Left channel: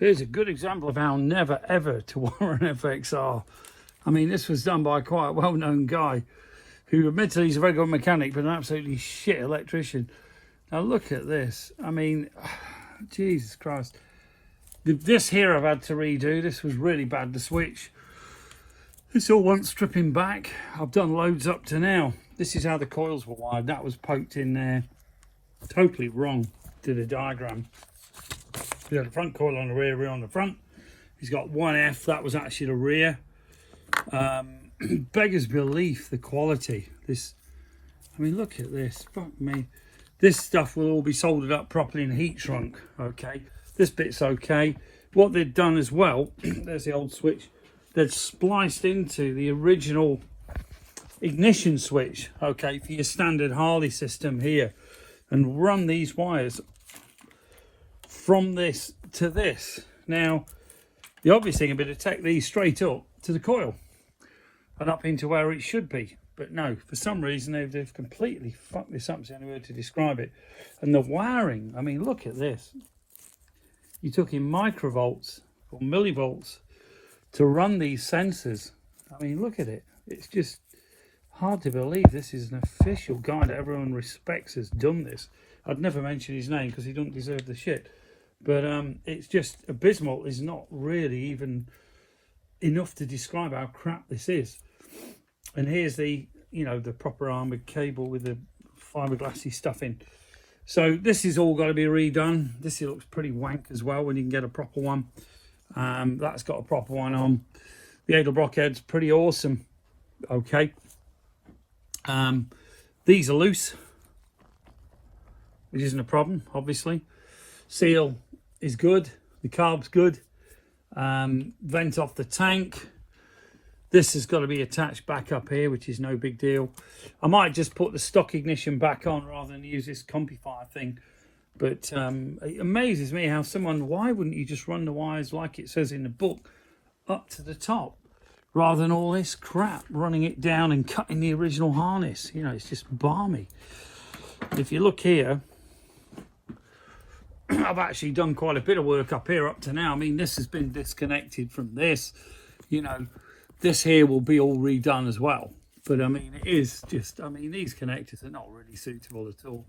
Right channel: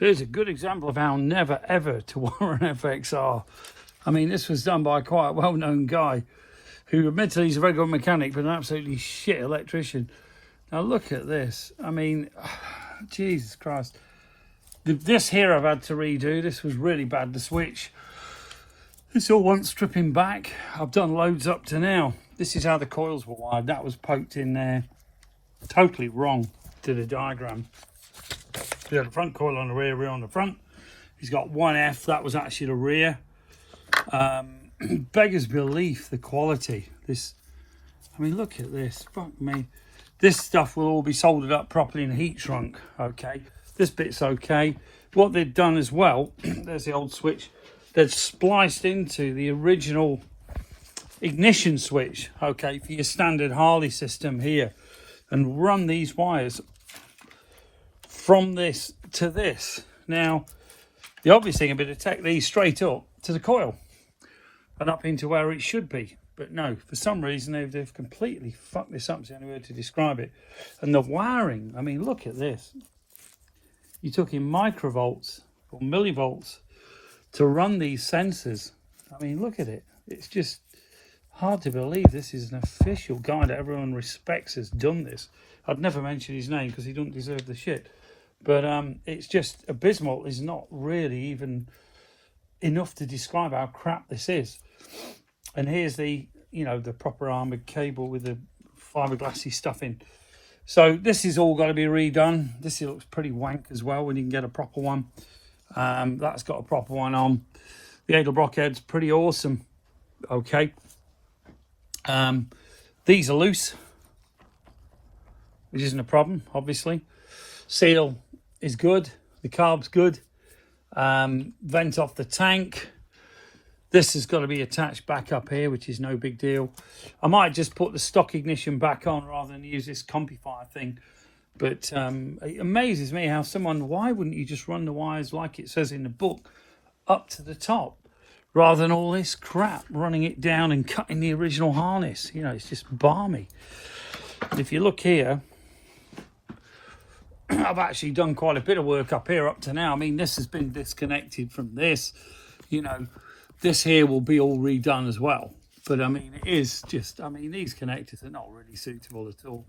Here's a good example of how never ever to wire an FXR. I mean, this was done by quite a well-known guy who admittedly he's a very good mechanic, but an absolutely shit electrician. Now look at this. I mean, Jesus Christ. This here I've had to redo. This was really bad, the switch. This all wants stripping back. I've done loads up to now. This is how the coils were wired. That was poked in there. Totally wrong to the diagram. We had a front coil on the rear on the front. He's got 1F. That was actually the rear. Beggars belief, the quality. This, I mean, look at this. Fuck me. This stuff will all be soldered up properly in heat shrunk. Okay. This bit's okay. What they've done as well, there's the old switch. They've spliced into the original ignition switch, okay, for your standard Harley system here, and run these wires from this to this. Now, the obvious thing would be to take these straight up to the coil and up into where it should be. But no, for some reason they've completely fucked this up. It's the only way to describe it. And the wiring, I mean, look at this. You're talking microvolts or millivolts to run these sensors. I mean, look at it. It's just hard to believe this is an official guy that everyone respects has done this. I'd never mention his name because he doesn't deserve the shit. But it's just abysmal. Is not really even enough to describe how crap this is. And here's the, you know, the proper armoured cable with the fiberglassy stuff in. So this is all got to be redone. This looks pretty wank as well when you can get a proper one. That's got a proper one on. The Edelbrock head's pretty awesome. Okay. These are loose, which isn't a problem, obviously. Seal is good. The carb's good. Vent off the tank. This has got to be attached back up here, which is no big deal. I might just put the stock ignition back on rather than use this Compufire thing. But it amazes me how why wouldn't you just run the wires like it says in the book up to the top, rather than all this crap, running it down and cutting the original harness. You know, it's just balmy. If you look here, I've actually done quite a bit of work up here up to now. I mean, this has been disconnected from this, you know. This here will be all redone as well. But I mean, it is just, I mean, these connectors are not really suitable at all.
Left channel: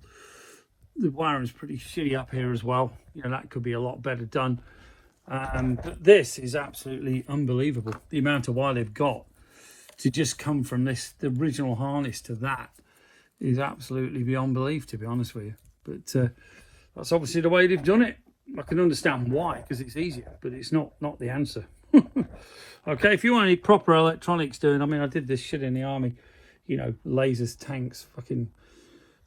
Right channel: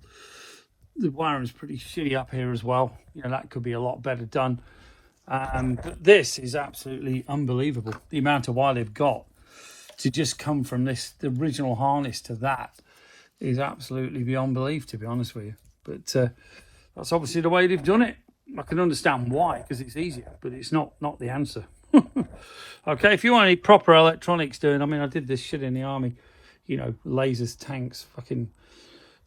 The wiring's pretty shitty up here as well. You know, that could be a lot better done. But this is absolutely unbelievable. The amount of wire they've got to just come from this, the original harness to that, is absolutely beyond belief, to be honest with you. But that's obviously the way they've done it. I can understand why, because it's easier, but it's not the answer. Okay, if you want any proper electronics doing, I mean, I did this shit in the army, you know, lasers, tanks, fucking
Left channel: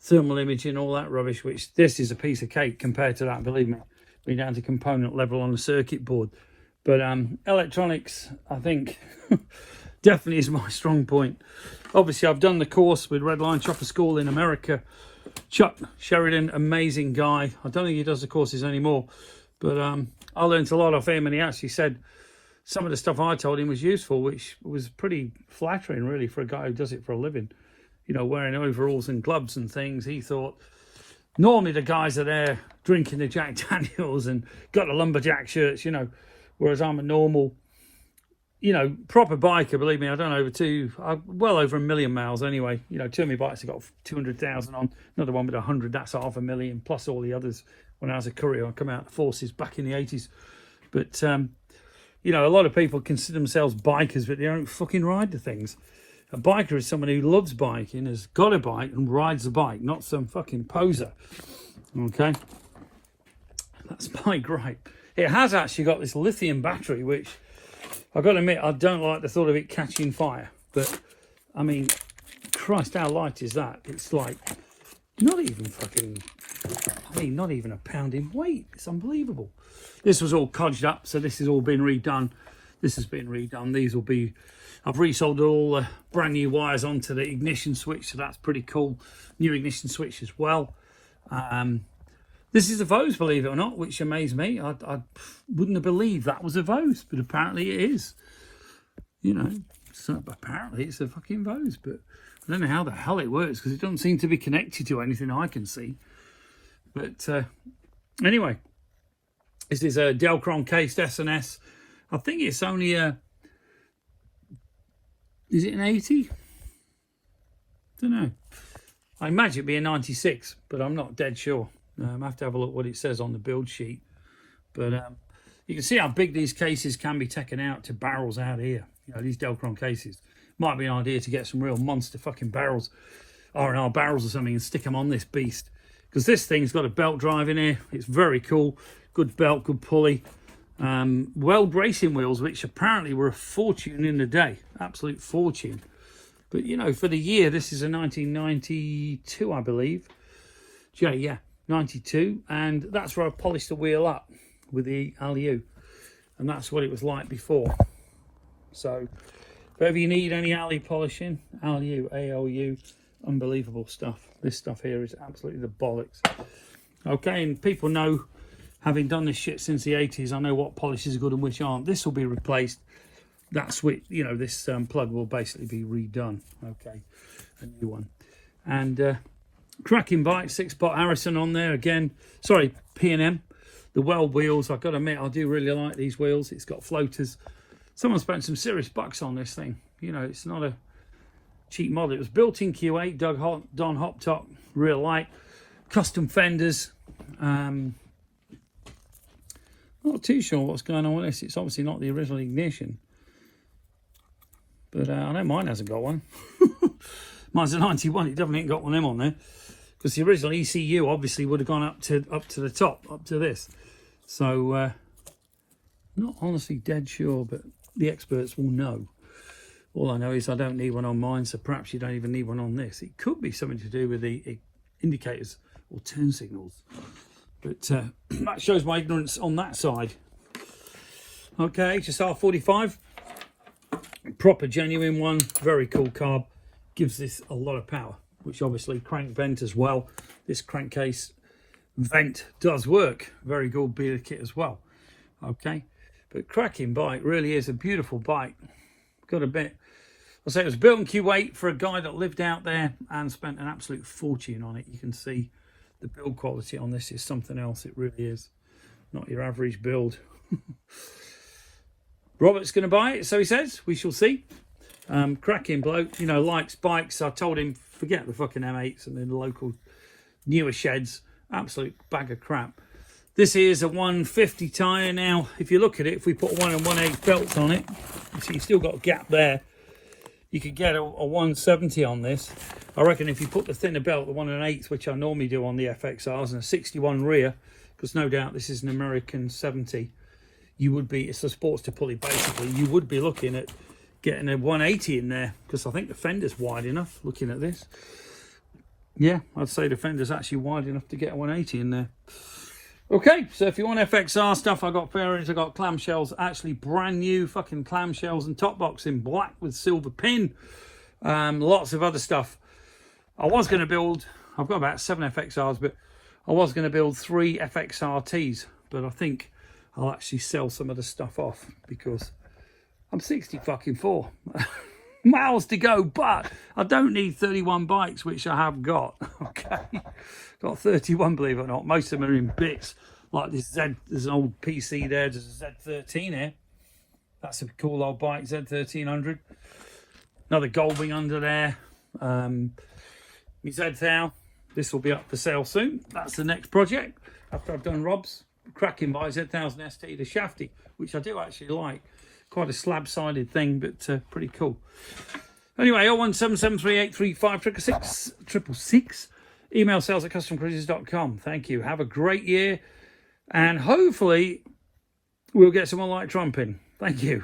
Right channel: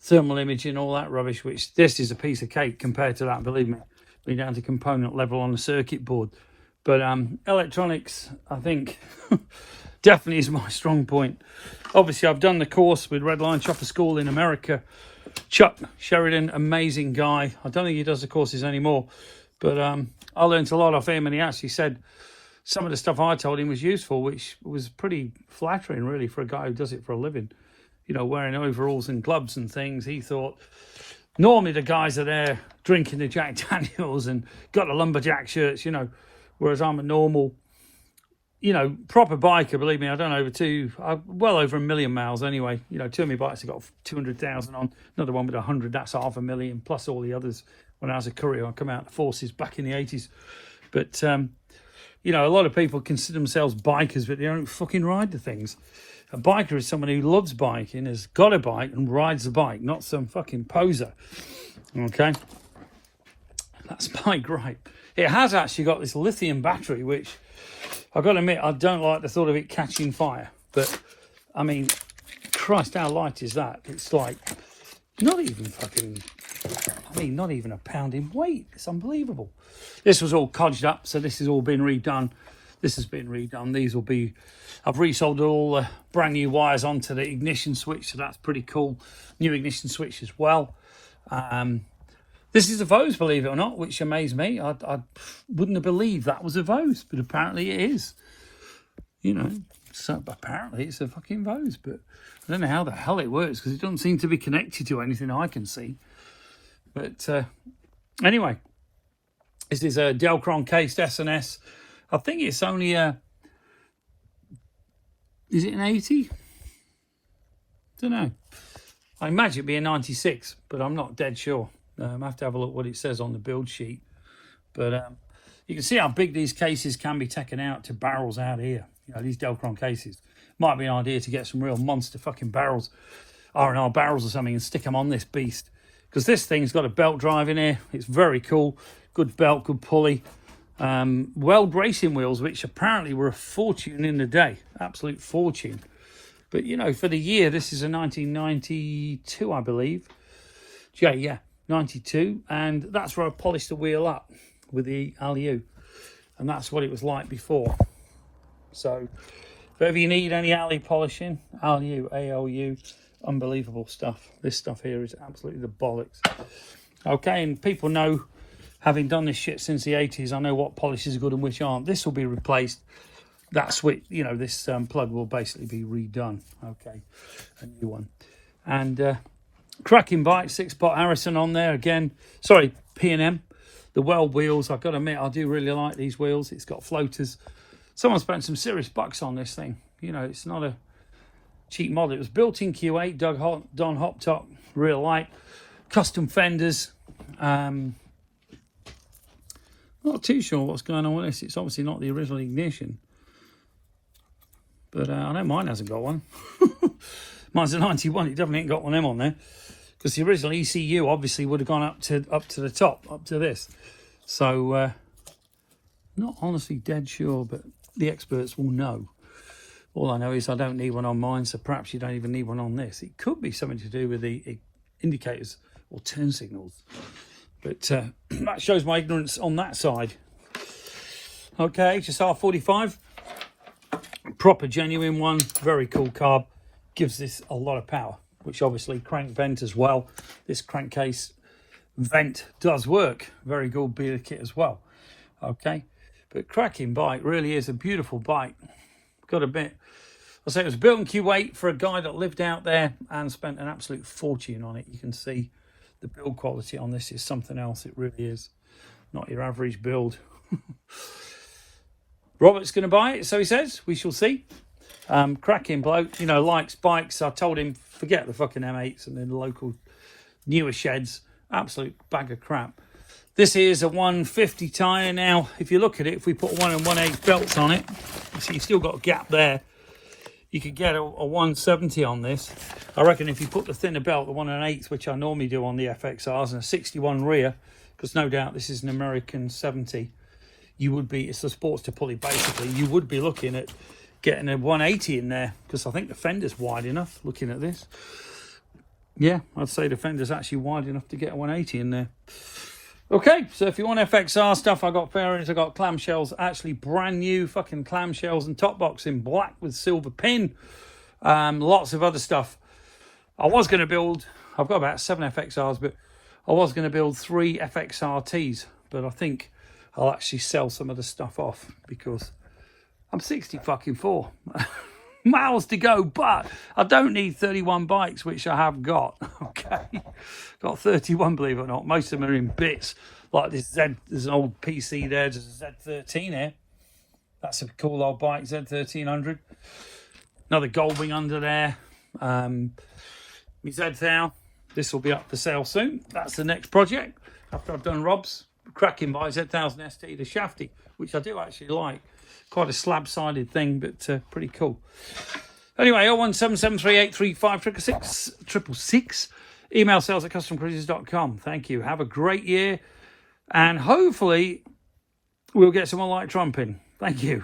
thermal imaging, all that rubbish, which this is a piece of cake compared to that, believe me. We're down to component level on the circuit board. But electronics, I think, definitely is my strong point. Obviously, I've done the course with Red Line Chopper School in America. Chuck Sheridan, amazing guy. I don't think he does the courses anymore, but I learned a lot off him, and he actually said some of the stuff I told him was useful, which was pretty flattering, really, for a guy who does it for a living. You know, wearing overalls and gloves and things. He thought, normally the guys are there drinking the Jack Daniels and got the lumberjack shirts, you know, whereas I'm a normal, you know, proper biker. Believe me, I don't well over 1 million miles anyway. You know, two of my bikes have got 200,000 on, another one with 100, that's 500,000, plus all the others. When I was a courier, I come out of the forces back in the 80s. But, you know, a lot of people consider themselves bikers, but they don't fucking ride the things. A biker is someone who loves biking, has got a bike and rides the bike, not some fucking poser. Okay? That's my gripe. It has actually got this lithium battery, which I've got to admit, I don't like the thought of it catching fire. But, I mean, Christ, how light is that? It's like, not even fucking, I mean, not even a pound in weight. It's unbelievable. This was all codged up, so this has all been redone. This has been redone. These will be, I've resoldered all the brand new wires onto the ignition switch, so that's pretty cool. New ignition switch as well. This is a Vose, believe it or not, which amazed me. I wouldn't have believed that was a Vose, but apparently it is. You know, so apparently it's a fucking Vose, but I don't know how the hell it works because it doesn't seem to be connected to anything I can see. But anyway, This is a Delkron cased S&S. I think it's only a, is it an 80? Don't know. I imagine it'd be a 96, but I'm not dead sure. I have to have a look what it says on the build sheet. But you can see how big these cases can be taken out to barrels out here. You know, these Delkron cases. Might be an idea to get some real monster fucking barrels, R&R barrels or something, and stick them on this beast. Because this thing's got a belt drive in here. It's very cool. Good belt, good pulley. Weld racing wheels, which apparently were a fortune in the day. Absolute fortune. But, you know, for the year, this is a 1992, I believe. Yeah, 92. And that's where I polished the wheel up with the ALU. And that's what it was like before. So, if ever you need any ALU polishing, ALU, ALU, unbelievable stuff. This stuff here is absolutely the bollocks. Okay, and people know, having done this shit since the 80s, I know what polishes are good and which aren't. This will be replaced. That switch, you know, this plug will basically be redone. Okay, a new one. And cracking bike, 6-pot Harrison on there again. Sorry, P&M. The weld wheels, I've got to admit, I do really like these wheels. It's got floaters. Someone spent some serious bucks on this thing. You know, it's not a cheap model. It was built in Kuwait, Don Hotop, real light. Custom fenders. Not too sure what's going on with this. It's obviously not the original ignition. But I know mine hasn't got one. Mine's a 91. It definitely ain't got one of them on there. Because the original ECU obviously would have gone up to the top, up to this. So, not honestly dead sure, but the experts will know. All I know is I don't need one on mine, so perhaps you don't even need one on this. It could be something to do with the indicators or turn signals. But that shows my ignorance on that side. Okay, HSR 45. Proper genuine one. Very cool carb. Gives this a lot of power, which obviously crank vent as well. This crankcase vent does work. Very good beer kit as well. Okay, but cracking bike, really is a beautiful bike. Got a bit, I say it was built in Kuwait for a guy that lived out there and spent an absolute fortune on it. You can see the build quality on this is something else. It really is not your average build. Robert's going to buy it, so he says. We shall see. Cracking bloke, you know, likes bikes. I told him forget the fucking M8s and then the local newer sheds. Absolute bag of crap. This is a 150 tyre. Now, if you look at it, if we put 1 1/8 belts on it, you see you've still got a gap there. You could get a 170 on this. I reckon if you put the thinner belt, the 1 1/8, which I normally do on the FXRs, and a 61 rear, because no doubt this is an American 70, you would be, it's a sports to pulley basically, you would be looking at getting a 180 in there, because I think the fender's wide enough, looking at this. Yeah, I'd say the fender's actually wide enough to get a 180 in there. Okay, so if you want FXR stuff, I got fairings, I got clamshells, actually brand new fucking clamshells and top box in black with silver pin. Lots of other stuff. I was going to build, I've got about 7 FXRs, but I was going to build 3 FXRTs, but I think I'll actually sell some of the stuff off because I'm 60 fucking 4. Miles to go, but I don't need 31 bikes, which I have got. Okay, got 31, believe it or not. Most of them are in bits, like this there's an old PC there, there's a Z13 here. That's a cool old bike, Z1300. Another Goldwing under there. My Z1000. This will be up for sale soon. That's the next project after I've done Rob's. Cracking by Z1000 ST, the shafty, which I do actually like. Quite a slab-sided thing, but pretty cool. Anyway, 01773835666. Email sales@customcruisers.com. Thank you. Have a great year. And hopefully we'll get someone like Trump in. Thank you.